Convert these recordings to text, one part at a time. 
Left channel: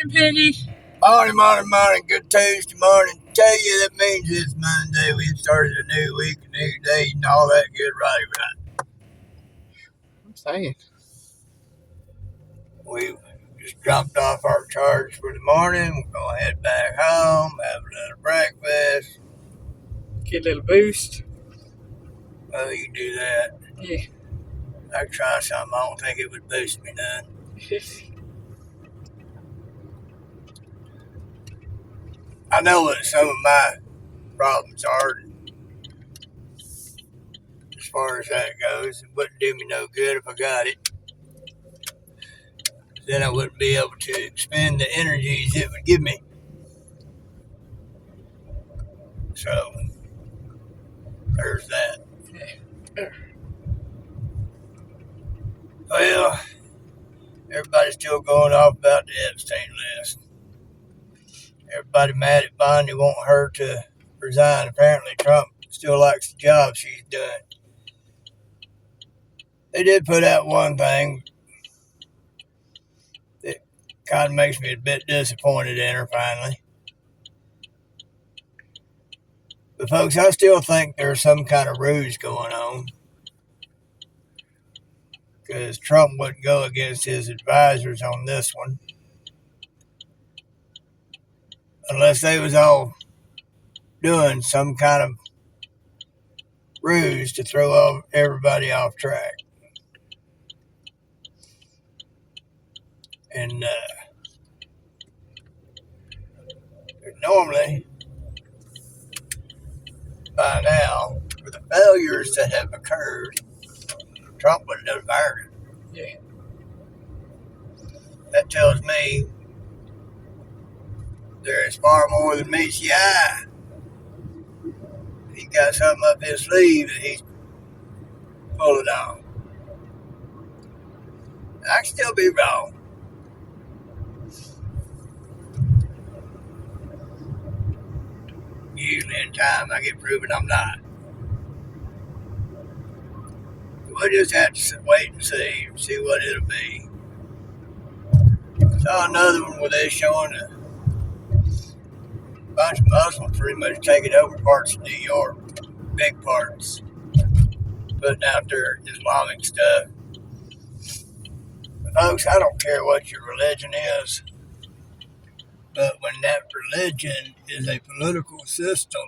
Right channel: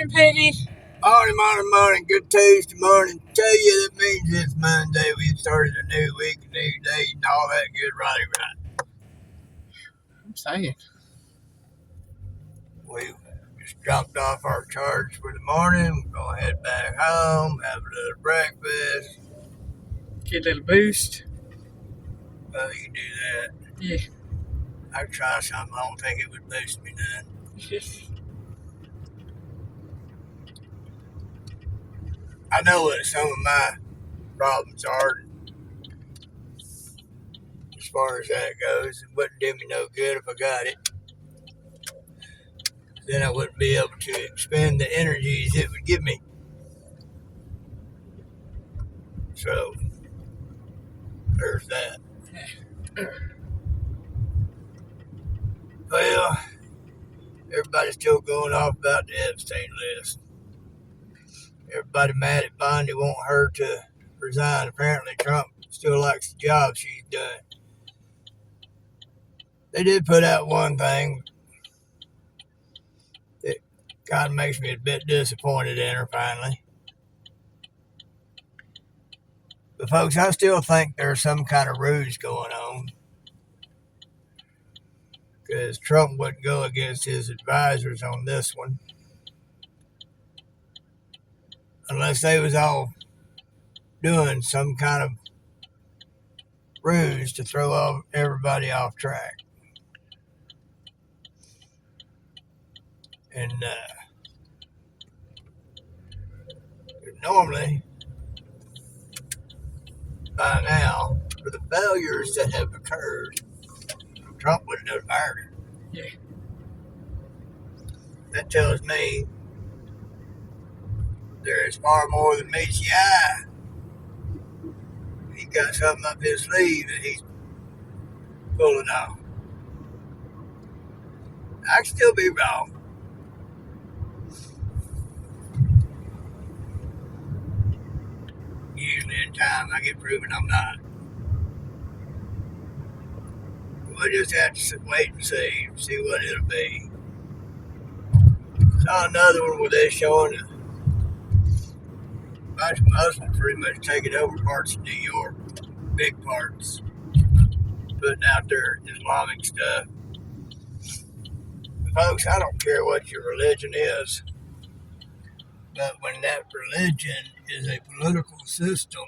Morning, Peggy. Morning. Good Tuesday morning. Tell you that means it's Monday. We've started a new week, a new day, and all that good right. I'm saying. We just dropped off our charge for the morning. We're going to head back home, have a little breakfast. Get a little boost. Well, you can do that. Yeah. I could try something. I don't think it would boost me none. I know what some of my problems are as far as that goes. It wouldn't do me no good if I got it. Then I wouldn't be able to expend the energies it would give me. So, there's that. Well, everybody's still going off about the Epstein list. Everybody mad at Bondi wanting her to resign. Apparently, Trump still likes the job she's done. They did put out one thing that kind of makes me a bit disappointed in her finally. But, folks, I still think there's some kind of ruse going on. Because Trump wouldn't go against his advisors on this one. Unless they was all doing some kind of ruse to throw everybody off track. And normally, by now, for the failures that have occurred, Trump wouldn't have fired her. Yeah. That tells me there is far more than meets the eye. He got something up his sleeve that he's pulling off. I can still be wrong. Usually in time I get proven I'm not. We'll just have to wait and see what it'll be. Saw another one where they're showing a bunch of Muslims pretty much taking over parts of New York, big parts, putting out their Islamic stuff. But folks, I don't care what your religion is, but when that religion is a political system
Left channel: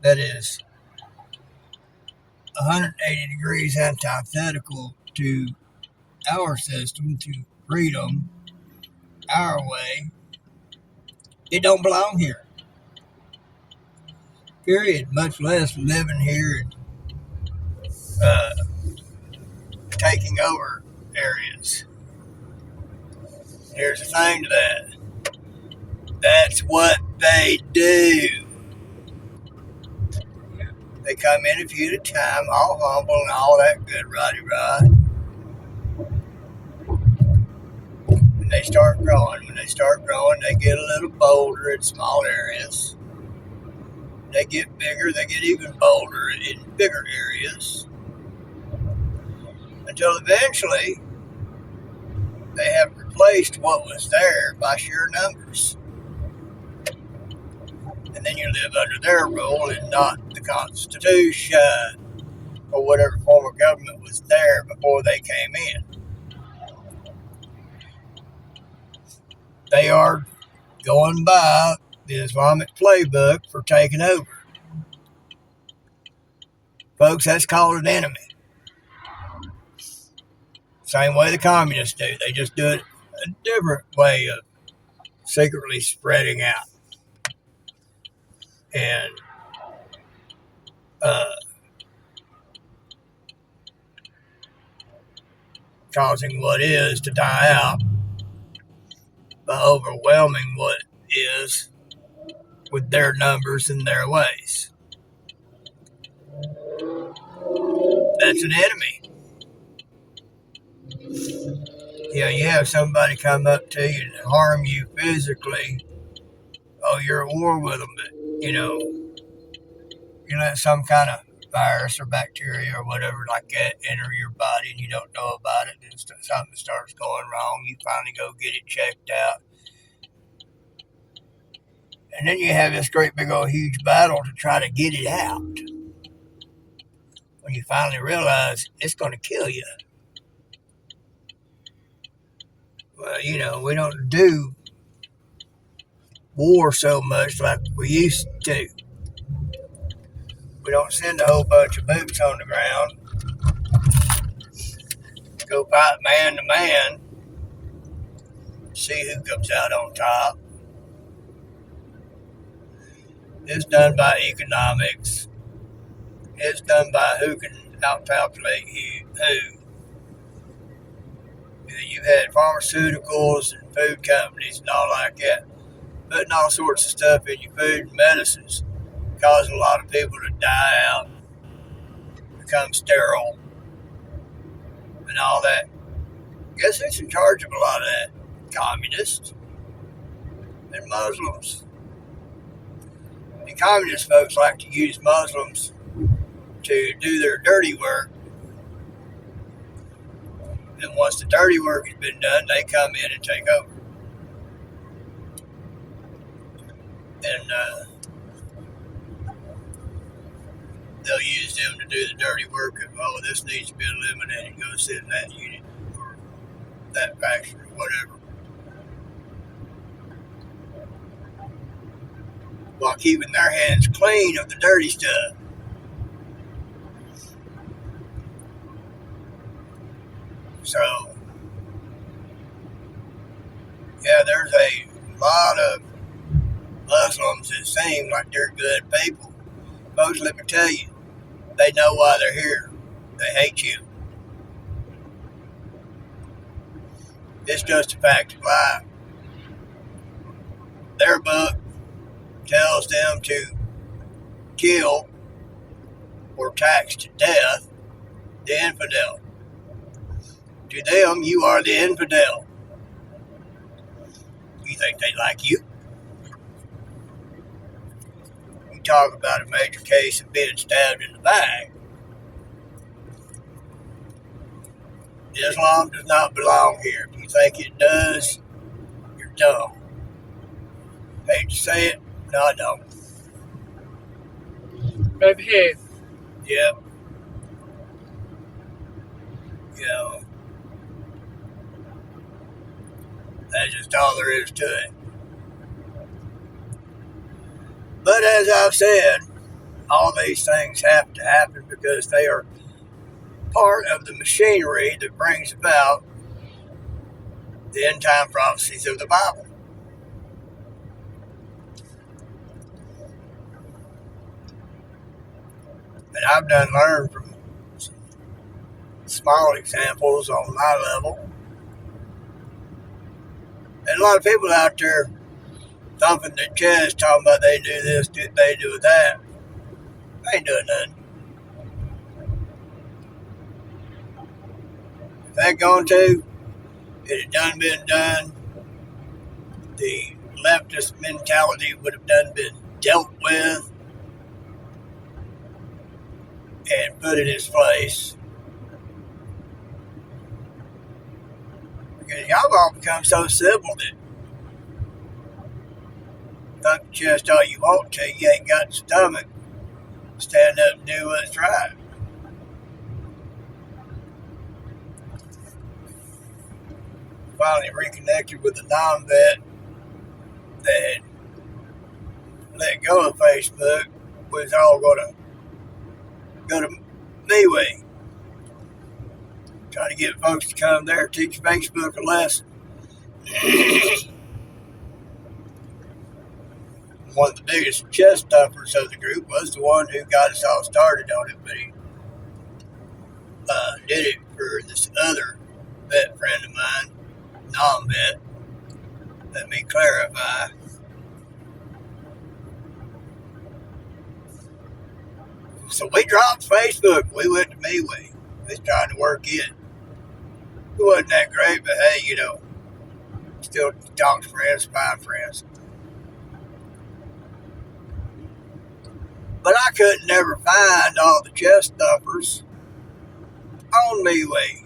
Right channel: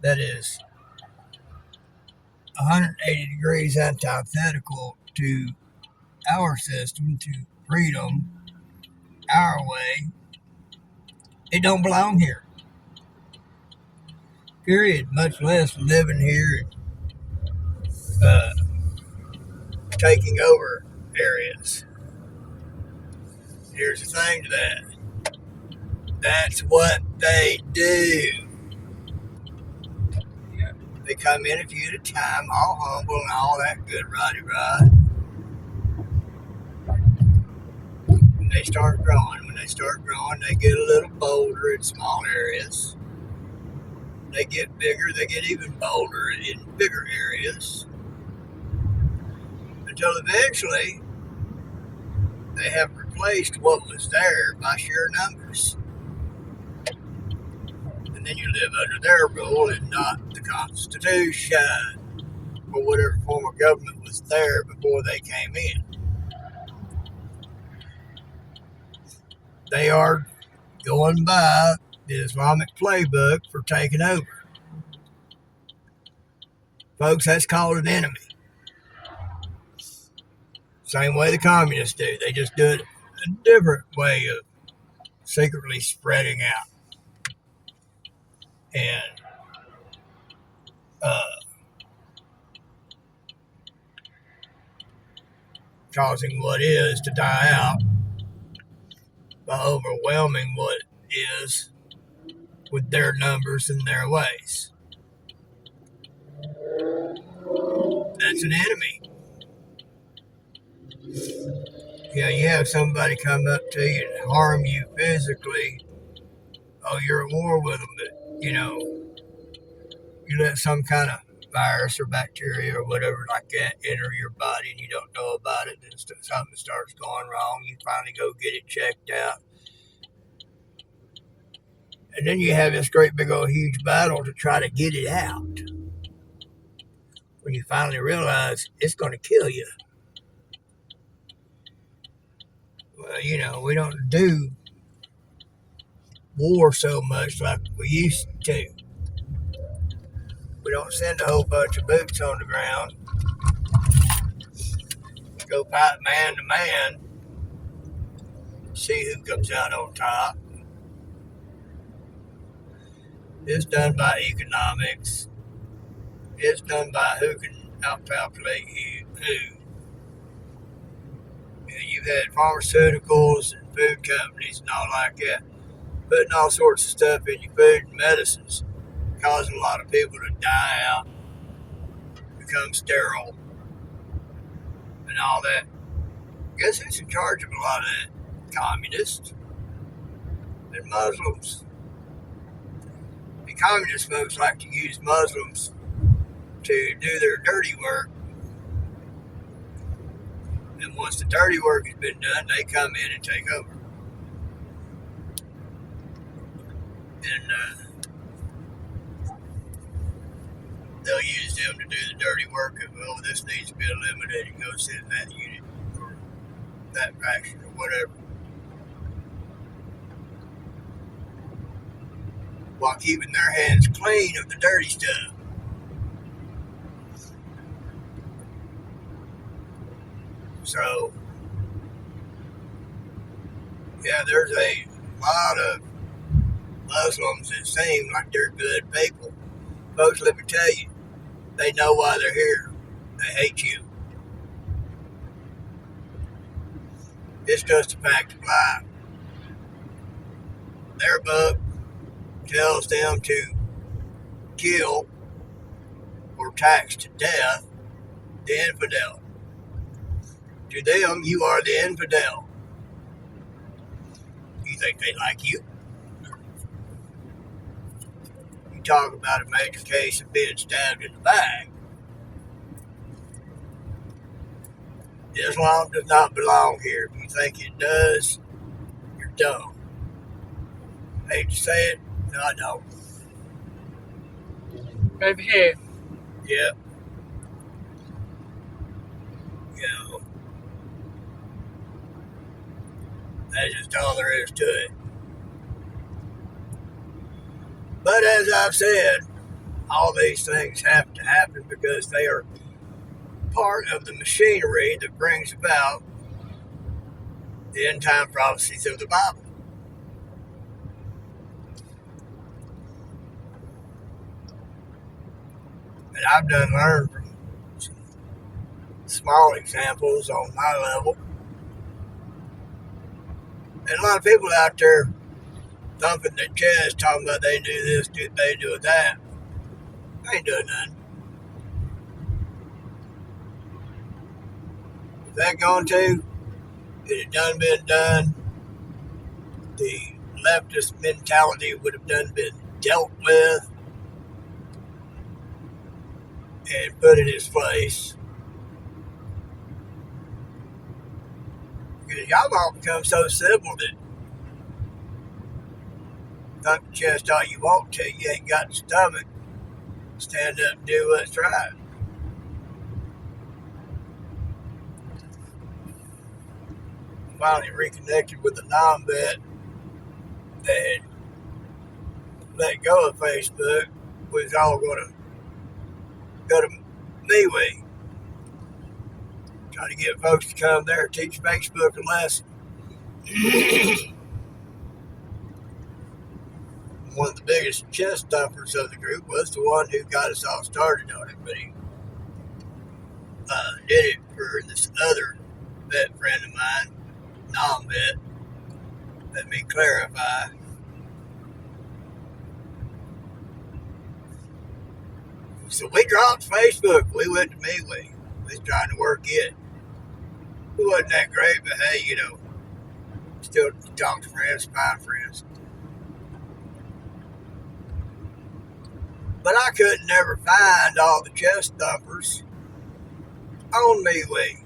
that is 180 degrees antithetical to our system, to freedom, our way, it don't belong here. Period. Much less living here and taking over areas. Here's the thing to that. That's what they do. Yeah. They come in a few at a time, all humble and all that good roddy-rod. When they start growing, they get a little bolder in small areas. They get bigger, they get even bolder in bigger areas. Until eventually, they have replaced what was there by sheer numbers. And then you live under their rule and not the Constitution or whatever form of government was there before they came in. They are going by the Islamic playbook for taking over. Folks, that's called an enemy. Same way the communists do. They just do it a different way of secretly spreading out. And causing what is to die out by overwhelming what is with their numbers and their ways. That's an enemy. You have somebody come up to you and harm you physically. Oh, you're at war with them, but you let some kind of virus or bacteria or whatever like that enter your body and you don't know about it, and something starts going wrong. You finally go get it checked out. And then you have this great big old huge battle to try to get it out. When you finally realize it's going to kill you. Well, we don't do war so much like we used to. We don't send a whole bunch of boots on the ground. Go fight man to man. See who comes out on top. It's done by economics. It's done by who can outpopulate who. You've had pharmaceuticals and food companies and all like that putting all sorts of stuff in your food and medicines, causing a lot of people to die out, become sterile, and all that. Guess who's in charge of a lot of that? Communists and Muslims. And communist folks like to use Muslims to do their dirty work. And once the dirty work has been done, they come in and take over. And they'll use them to do the dirty work of, this needs to be eliminated. Go sit in that unit or that faction or whatever. While keeping their hands clean of the dirty stuff. So, yeah, there's a lot of Muslims that seem like they're good people. Folks, let me tell you, they know why they're here. They hate you. It's just a fact of life. Their book tells them to kill or tax to death the infidel. To them, you are the infidel. You think they like you? You talk about a major case of being stabbed in the back. Islam does not belong here. If you think it does, you're dumb. Hate to say it, no, I don't. Over here. Yep. That's just all there is to it. But as I've said, all these things have to happen because they are part of the machinery that brings about the end time prophecies of the Bible. And I've learned from some small examples on my level. And a lot of people out there thumping their chest, talking about they do this, they do that. I ain't doing nothing. If they're going to, it had done been done. The leftist mentality would have done been dealt with and put in its place. Because y'all all become so civil that thump your chest all you want to, you ain't got the stomach to stand up and do what's right. Finally reconnected with the non-vet that had let go of Facebook. We was all going to go to MeWe. Trying to get folks to come there, teach Facebook a lesson. One of the biggest chest thumpers of the group was the one who got us all started on it, but he did it for this other vet friend of mine, non-vet. Let me clarify. So we dropped Facebook. We went to MeWe. We was trying to work it. It wasn't that great, but hey, still talk to friends, find friends. But I could never find all the chest thumpers on MeWe.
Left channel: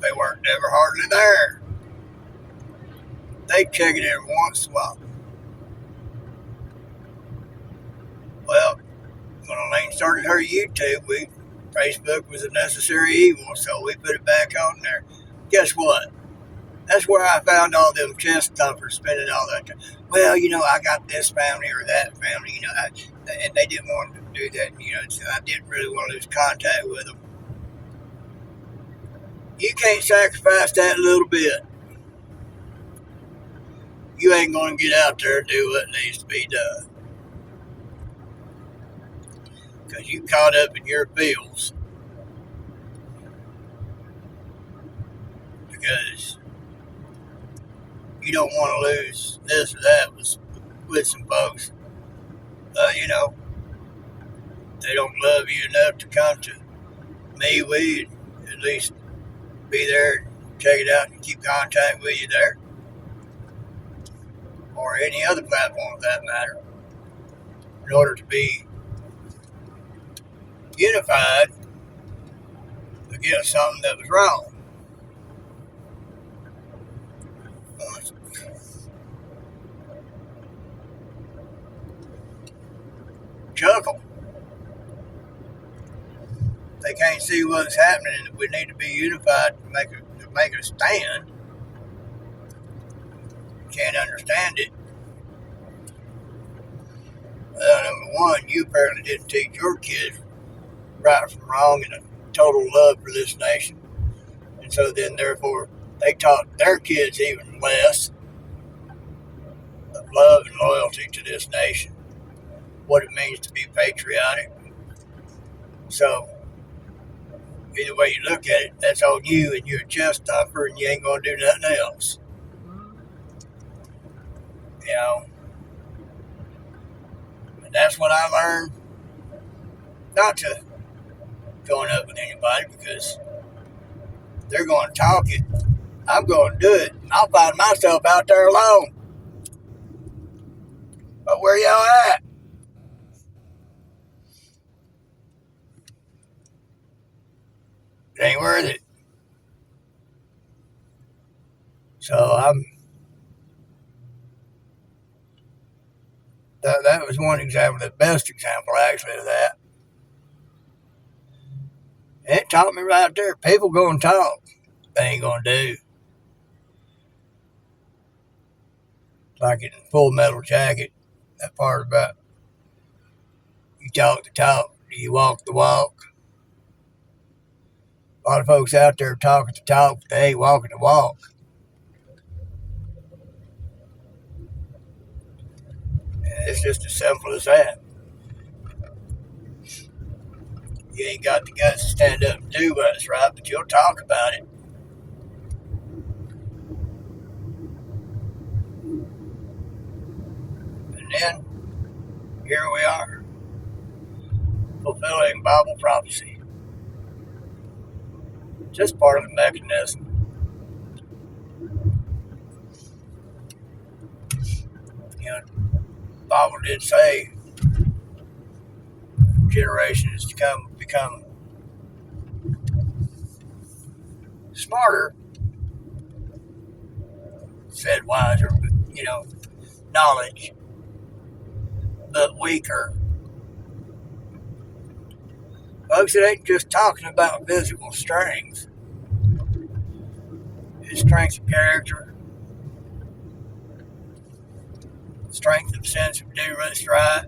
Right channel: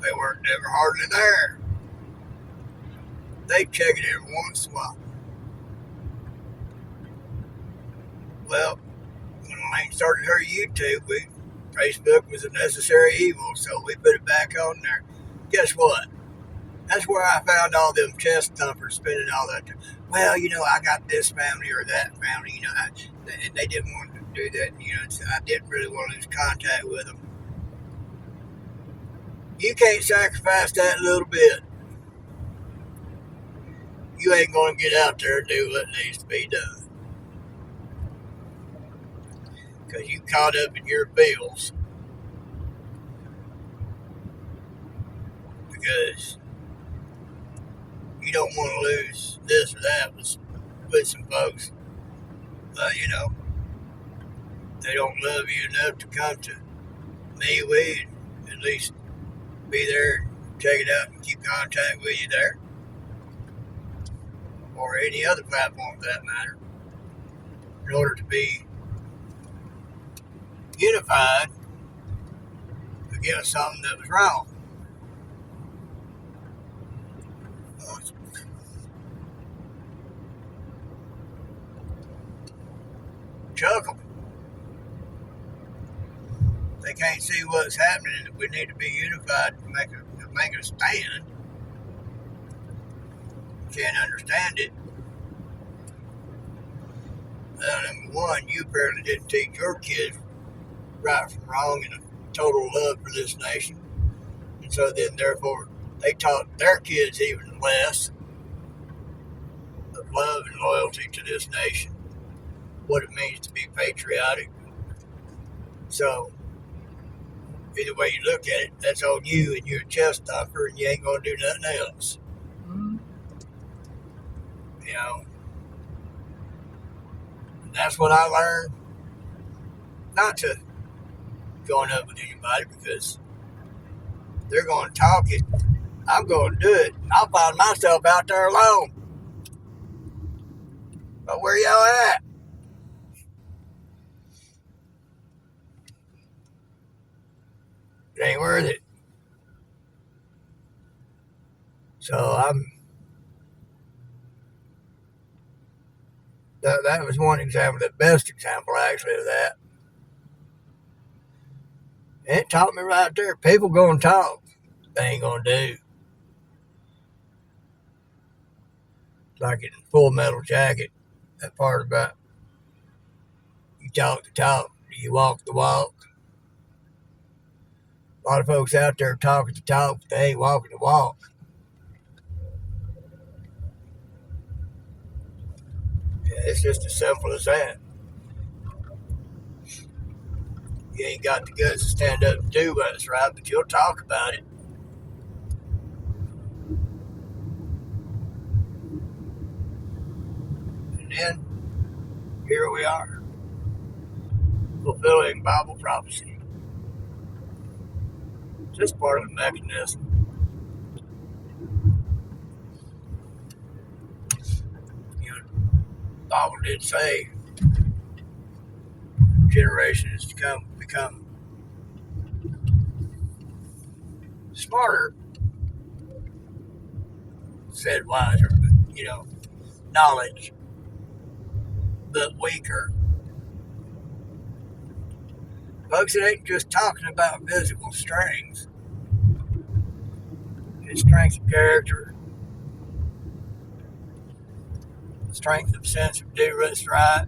They weren't never hardly there. They check it every once in a while. Well, when Elaine started her YouTube, Facebook was a necessary evil, so we put it back on there. Guess what? That's where I found all them chest thumpers spending all that time. Well, I got this family or that family, and they didn't want to do that. So I didn't really want to lose contact with them. You can't sacrifice that little bit. You ain't going to get out there and do what needs to be done. Because you caught up in your bills. Because you don't want to lose this or that with some folks. They don't love you enough to come to me. We'd at least be there, check it out, and keep contact with you there. Or any other platform for that matter. In order to be unified against something that was wrong. Chuckle. They can't see what's happening, and we need to be unified to make a stand. Can't understand it. Well, number one, you apparently didn't teach your kids right from wrong and a total love for this nation. And so then, therefore, they taught their kids even less of love and loyalty to this nation, what it means to be patriotic. So, either way you look at it, that's on you, and you're a chest thumper, and you ain't going to do nothing else. And that's what I learned, not to going up with anybody, because they're going to talk it. I'm going to do it. I'll find myself out there alone. But where y'all at? It ain't worth it. So that was one example, the best example actually of that. And it taught me right there, people going to talk, they ain't going to do. Like in Full Metal Jacket, that part about you talk the talk, you walk the walk. A lot of folks out there talking the talk, but they ain't walking the walk. It's just as simple as that. You ain't got the guts to stand up and do what's right, but you'll talk about it. And then, here we are, fulfilling Bible prophecy. Just part of the mechanism. The Bible did say generations to become smarter, said wiser, knowledge, but weaker. Folks, it ain't just talking about physical strength. It's strength of character, strength of sense of do what's right.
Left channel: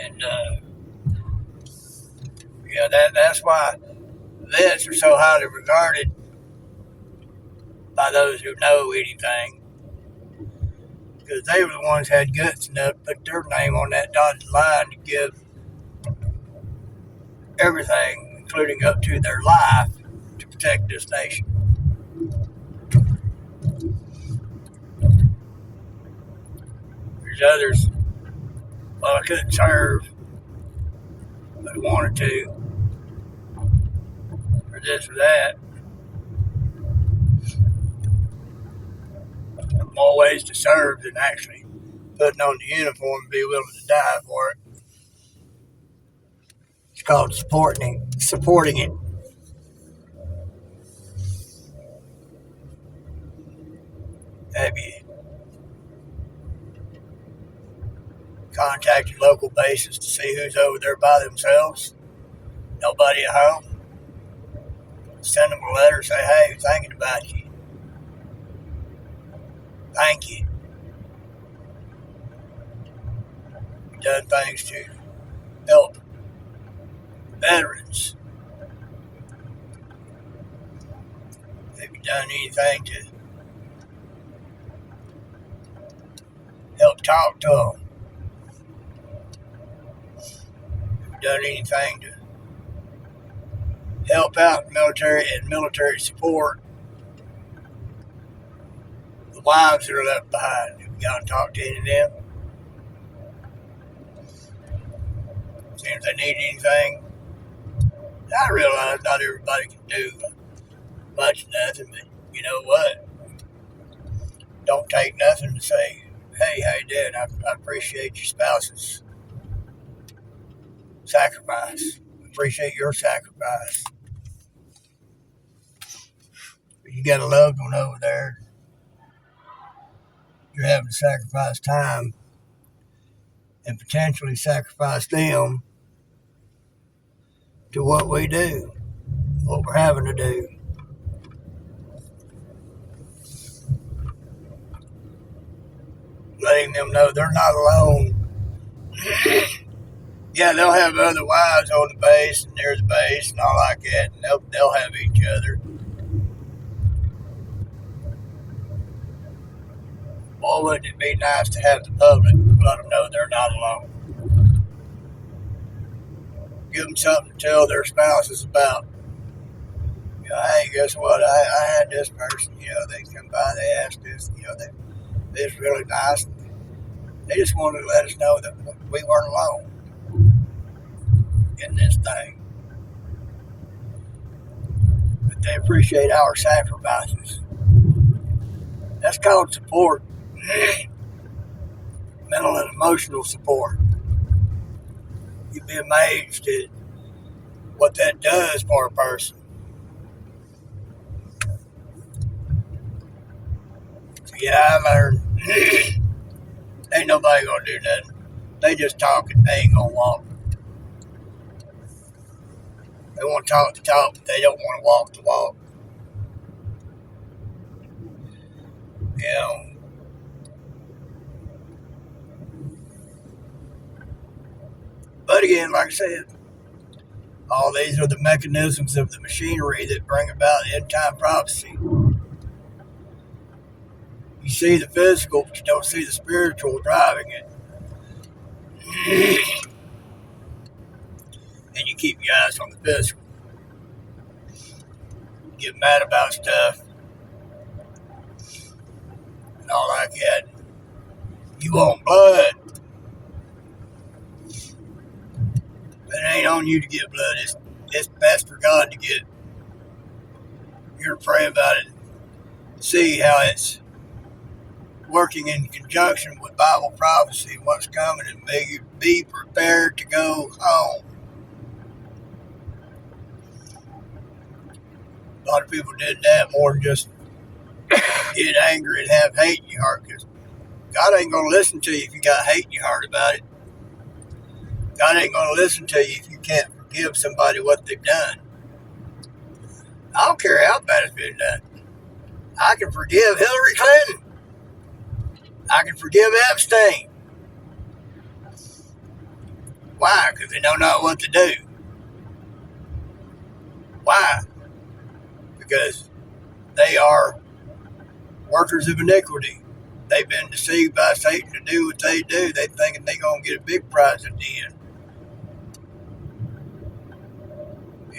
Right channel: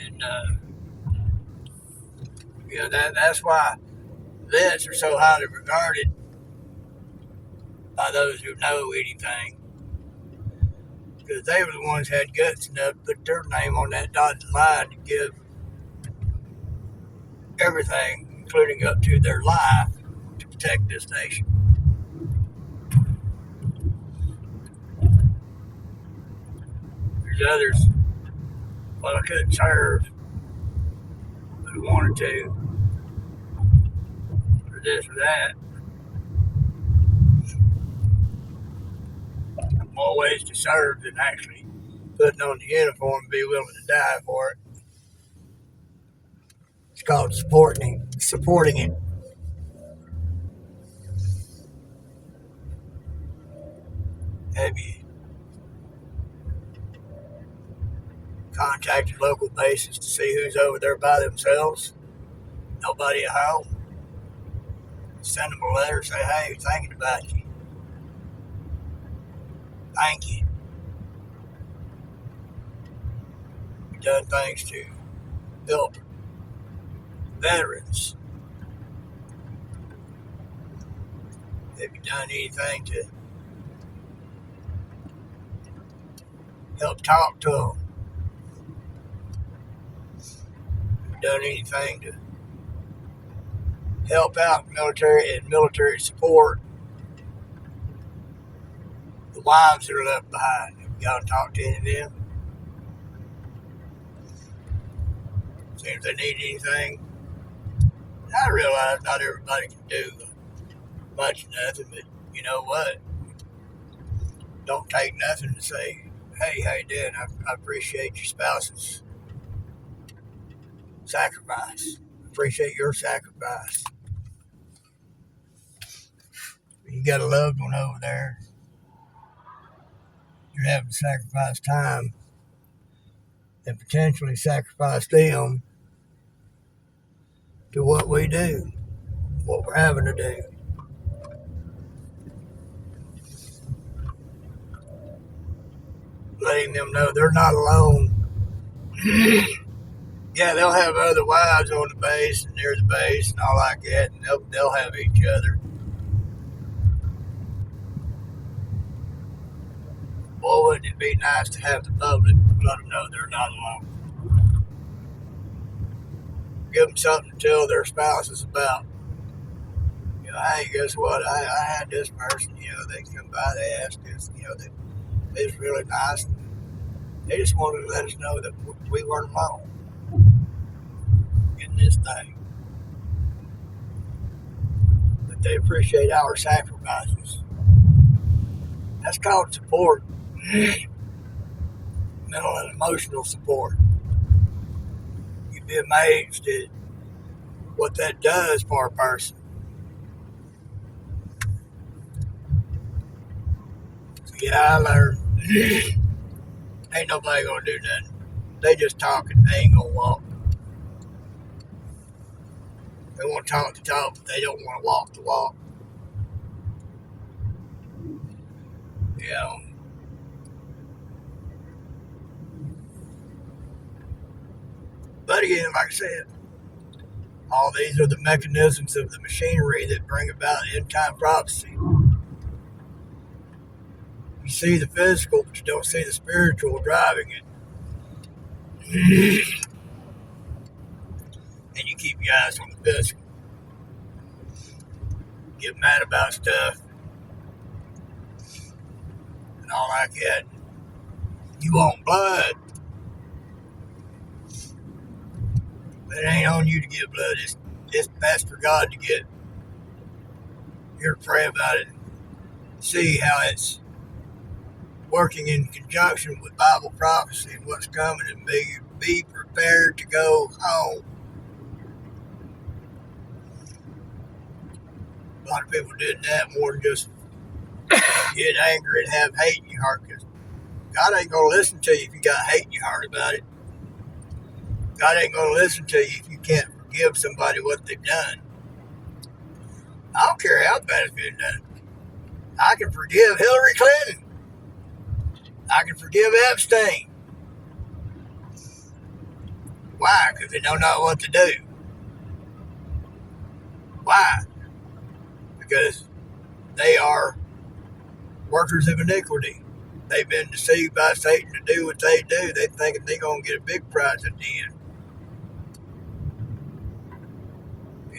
And, that's why vets are so highly regarded by those who know anything. Because they were the ones who had guts enough to put their name on that dotted line to give everything, including up to their life, to protect this nation. There's others, well, I couldn't serve, but I wanted to, or this or that. More ways to serve than actually putting on the uniform and be willing to die for it. It's called supporting it. Have you Contact your local bases to see who's over there by themselves. Nobody at home. Send them a letter, say, hey, thinking about you. Thank you. You've done things to help veterans. Have you done anything to help talk to them? Have you done anything to help out military support the wives that are left behind? Have you gone and talked to any of them? See if they need anything. I realize not everybody can do much of nothing, but you know what? Don't take nothing to say, hey, how you doing? I appreciate your spouse's sacrifice. Appreciate your sacrifice. You got a loved one over there. You're having to sacrifice time and potentially sacrifice them to what we do, what we're having to do. Letting them know they're not alone. Yeah, they'll have other wives on the base and near the base and all like that, and they'll have each other. Boy, wouldn't it be nice to have the public let them know they're not alone. Give them something to tell their spouses about. You know, hey, guess what? I had this person, they come by, they asked this, it's really nice. They just wanted to let us know that we weren't alone in this thing. But they appreciate our sacrifices. That's called support. Mental and emotional support. You'd be amazed at what that does for a person. So yeah, I learned ain't nobody gonna do nothing. They just talking, they ain't gonna walk. They want to talk the talk, but they don't want to walk the walk. But again, like I said, all these are the mechanisms of the machinery that bring about end-time prophecy. You see the physical, but you don't see the spiritual driving it. And you keep your eyes on the physical. Get mad about stuff and all like that. You want blood. But it ain't on you to get blood. That's for God to get. You're to pray about it. See how it's working in conjunction with Bible prophecy and what's coming, and be prepared to go home. A lot of people did that more than just get angry and have hate in your heart, because God ain't going to listen to you if you got hate in your heart about it. God ain't going to listen to you if you can't forgive somebody what they've done. I don't care how bad it's been done. I can forgive Hillary Clinton. I can forgive Epstein. Why? Because they don't know what to do. Why? Because they are workers of iniquity. They've been deceived by Satan to do what they do. They thinking they're going to get a big prize at the end.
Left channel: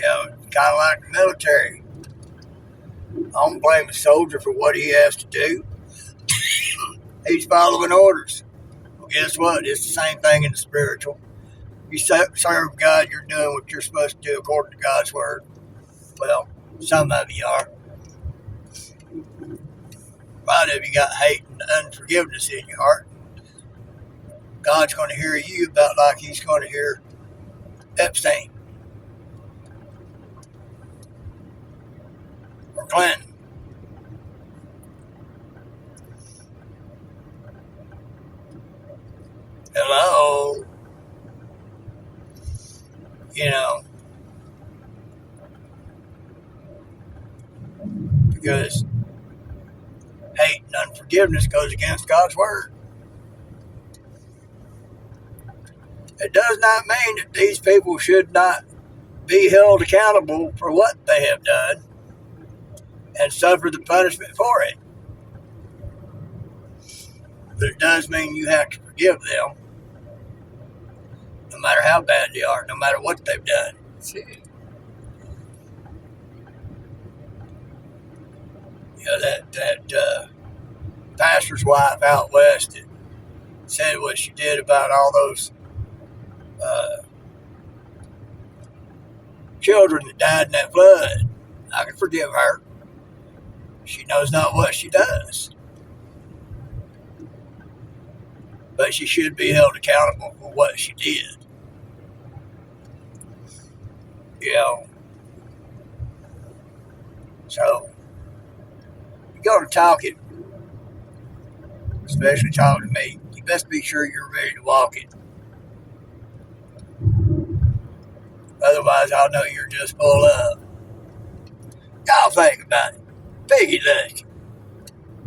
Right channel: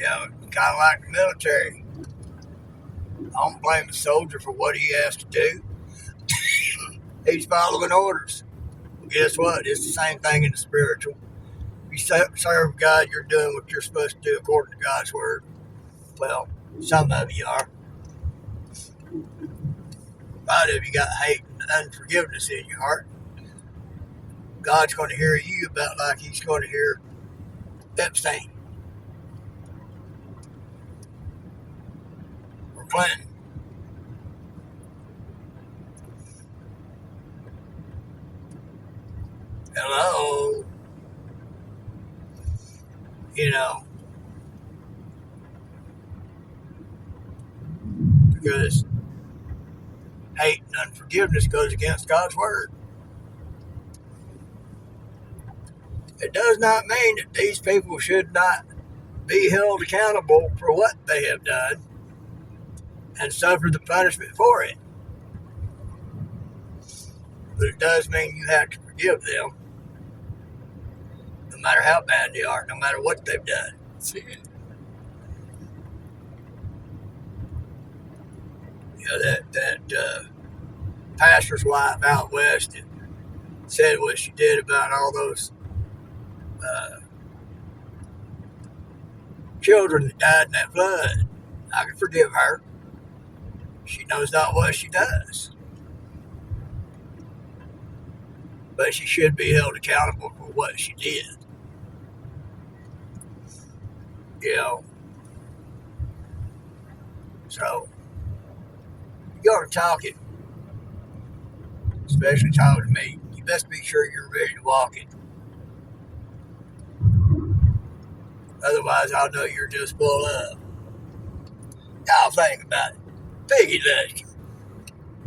Kind of like the military. I don't blame a soldier for what he has to do. He's following orders. Well, guess what? It's the same thing in the spiritual. If you serve God, you're doing what you're supposed to do according to God's word. Well, some of you are. A lot of you got hate and unforgiveness in your heart. God's going to hear you about like He's going to hear Epstein or Clinton. Hello. you know, because hate and unforgiveness goes against God's word. It does not mean that these people should not be held accountable for what they have done and suffer the punishment for it. But it does mean you have to forgive them, no matter how bad they are, no matter what they've done. That's it. You know, that pastor's wife out west that said what she did about all those children that died in that flood. I can forgive her. She knows not what she does. But she should be held accountable for what she did. You know. So, you go to talking, especially talking to me, you best be sure you're ready to walk it. Otherwise, I'll know you're just full of. Y'all think about it. Piggy leg.